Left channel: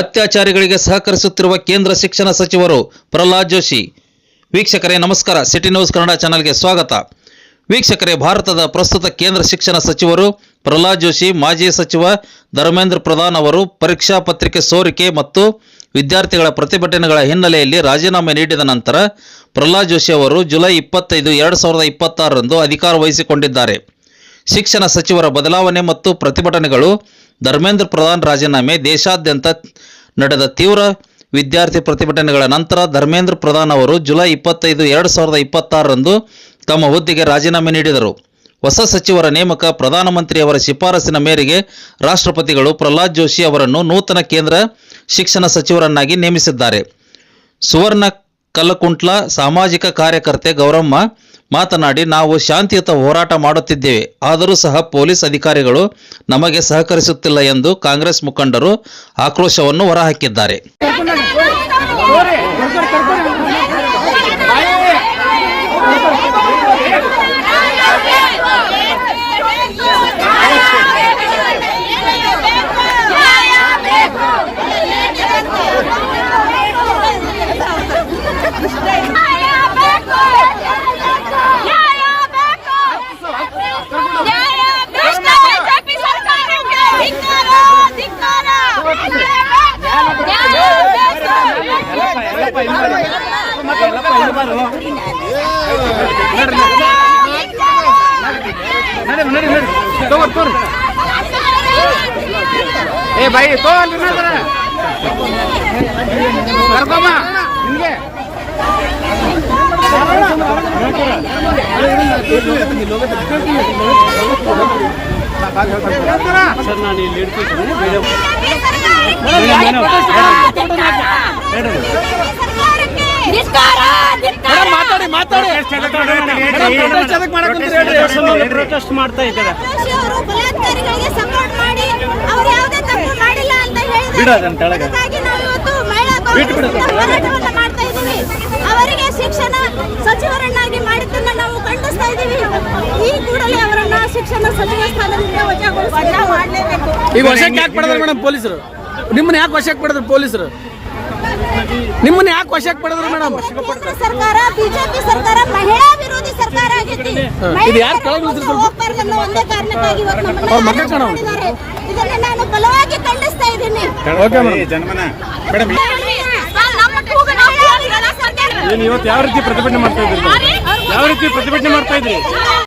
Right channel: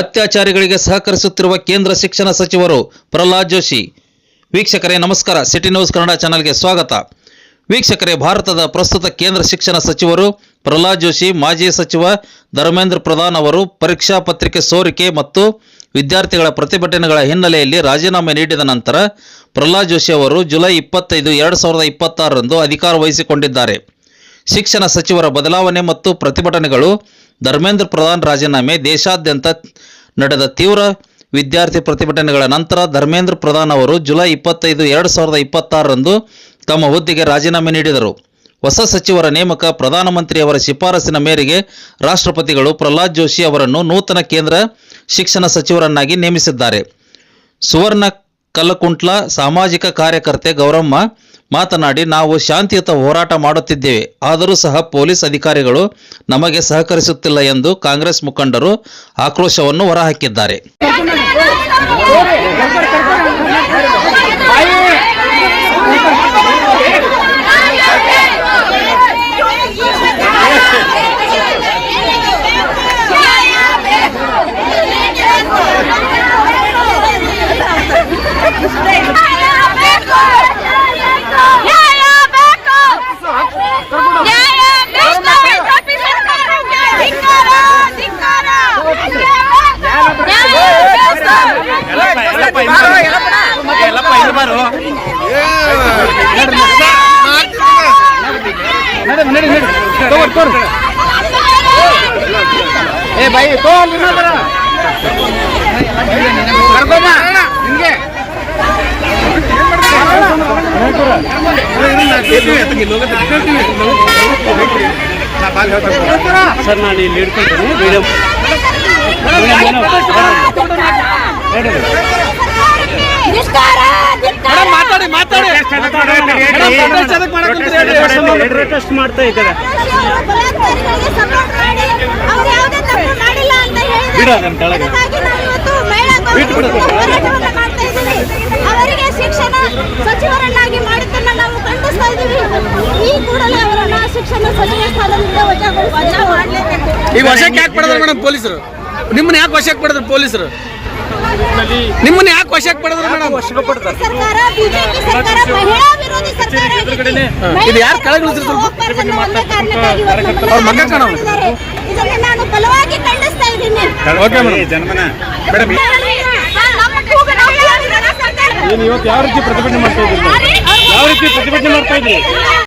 ಅತ್ಯಾಚಾರಿಗಳಿಗೆ ಸಹಕರಿಸುತ್ತಿರುವ ಕೇಂದ್ರ ಶಿಕ್ಷಣ ಸಚಿವರು ಪ್ರಹ್ಲಾದ್ ಜೋಶಿ. ವೀಕ್ಷಕರೇ ನಮಸ್ಕಾರ, ಸಿಟಿ ನ್ಯೂಸ್ ಕನ್ನಡ ಚಾನೆಲ್ಗೆ ಸ್ವಾಗತ. ವೀಕ್ಷಕರೇ, ಭಾರತದ ಪ್ರಸ್ತುತ ಕೇಂದ್ರ ಶಿಕ್ಷಣ ಸಚಿವರು ಪ್ರಹ್ಲಾದ್ ಜೋಶಿ ಮಾಜಿ ಸಚಿವ ಧರ್ಮೇಂದ್ರ ಪ್ರಧಾನ್ ಅವರು ಪರೀಕ್ಷಾ ಪತ್ರಿಕೆ ಸೋರಿಕೆ ಮತ್ತು ವಿದ್ಯಾರ್ಥಿಗಳ ಪ್ರತಿಭಟನೆಗಳ ಹಿನ್ನೆಲೆಯಲ್ಲಿ ರಾಜೀನಾಮೆ ನೀಡಿದ ನಂತರ ಪ್ರಹ್ಲಾದ್ ಜೋಶಿ ಅವರು ಜುಲೈ 25, 2026ರಂದು ಅಧಿಕಾರ ವಹಿಸಿಕೊಂಡಿದ್ದಾರೆ. ಶಿಕ್ಷಣ ಸಚಿವರ ಬದಲಾವಣೆ ಮತ್ತು ಪ್ರತಿಭಟನೆಗಳು, ಧರ್ಮೇಂದ್ರ ಪ್ರಧಾನ್ ರಾಜೀನಾಮೆ, ದೇಶಾದ್ಯಂತ ನಡೆದ ತೀವ್ರ ವಿದ್ಯಾರ್ಥಿ ಪ್ರತಿಭಟನೆಗಳ ನಂತರ ಧರ್ಮೇಂದ್ರ ಪ್ರಧಾನ್ ಅವರು ಜುಲೈ 25, 2026ರಂದು ತಮ್ಮ ಹುದ್ದೆಗೆ ರಾಜೀನಾಮೆ ನೀಡಿದರು. ಹೊಸ ಸಚಿವರ ನೇಮಕ ಪ್ರಧಾನಮಂತ್ರಿಯವರ ಶಿಫಾರಸಿನ ಮೇರೆಗೆ ರಾಷ್ಟ್ರಪತಿಗಳು ಪ್ರಹ್ಲಾದ್ ಜೋಶಿ ಅವರನ್ನು ನೂತನ ಕೇಂದ್ರ ಶಿಕ್ಷಣ ಸಚಿವರನ್ನಾಗಿ ನೇಮಿಸಿದ್ದಾರೆ. ಸುವರ್ಣ ಕಲ್ಲಕುಂಟ್ಲ ಸಾಮಾಜಿಕ ಕಾರ್ಯಕರ್ತೆ ಗೌರಮ್ಮ ಮಾತನಾಡಿ, ನಾವು ಶಾಂತಿಯುತ ಹೋರಾಟ ಮಾಡುತ್ತಿದ್ದೇವೆ, ಆದರೂ ಸಹ ಪೊಲೀಸ್ ಅಧಿಕಾರಿಗಳು ನಮಗೆ ಸಹಕರಿಸುತ್ತಿಲ್ಲ ಎಂದು ಕಾಂಗ್ರೆಸ್ ಮುಖಂಡರು ಆಕ್ರೋಶವನ್ನು ಹೊರಹಾಕಿದ್ದಾರೆ. ಸರ್ ನಾನು ಇಲ್ಲಿ ಹಿಡ್ಕೊಳ್ತೀನಿ. ಪ್ರೊಟೆಸ್ಟ್ ಮಾಡ್ತಾ ಇದ್ದಾರೆ. ಅವರಿಗೆ ಶಿಕ್ಷಣ ಸಚಿವರನ್ನಾಗಿ ಮಾಡುತ್ತನ್ನ ನಾವು ಖಂಡಿಸ್ತಾ ಇದ್ದೀವಿ. ಈ ಕೂಡಲೇ ಅವರನ್ನ ಶಿಕ್ಷಣ ಸಚಿವ ಸ್ಥಾನದಿಂದ ವಜಾ ಮಾಡಲೇಬೇಕು. ಈಗ ವಶಕ್ಕೆ ಯಾಕೆ ಪಡೆದ್ರು ಮೇಡಮ್ ಪೊಲೀಸರು? ನಿಮ್ಮನ್ನ ಯಾಕೆ ವಶಕ್ಕೆ ಪಡೆದ್ರು ಪೊಲೀಸರು? ನಿಮ್ಮನ್ನ ಯಾಕೆ ವಶಕ್ಕೆ ಪಡೆದ್ರು ಮೇಡಮ್? ಸರ್ಕಾರ, ಬಿಜೆಪಿ ಸರ್ಕಾರ ಮಹಿಳಾ ವಿರೋಧಿ ಸರ್ಕಾರ ಆಗಿದೆ. ಇದು ಯಾರು ಕೆಳಗಿಳಿದ್ರು ಸ್ವಲ್ಪ ಒಂದೇ ಕಾರಣಕ್ಕಾಗಿ ಅವ್ರ ಮಗ ಕಾಣೋ ಇದನ್ನ ನಾನು ಬಲವಾಗಿ ಖಂಡಿಸ್ತಾ ಇದ್ದೀನಿ. Okay madam. ಇವತ್ತು ಯಾವ ರೀತಿ ಪ್ರತಿಭಟನೆ ಮಾಡ್ತಾ ಇದ್ರಿ?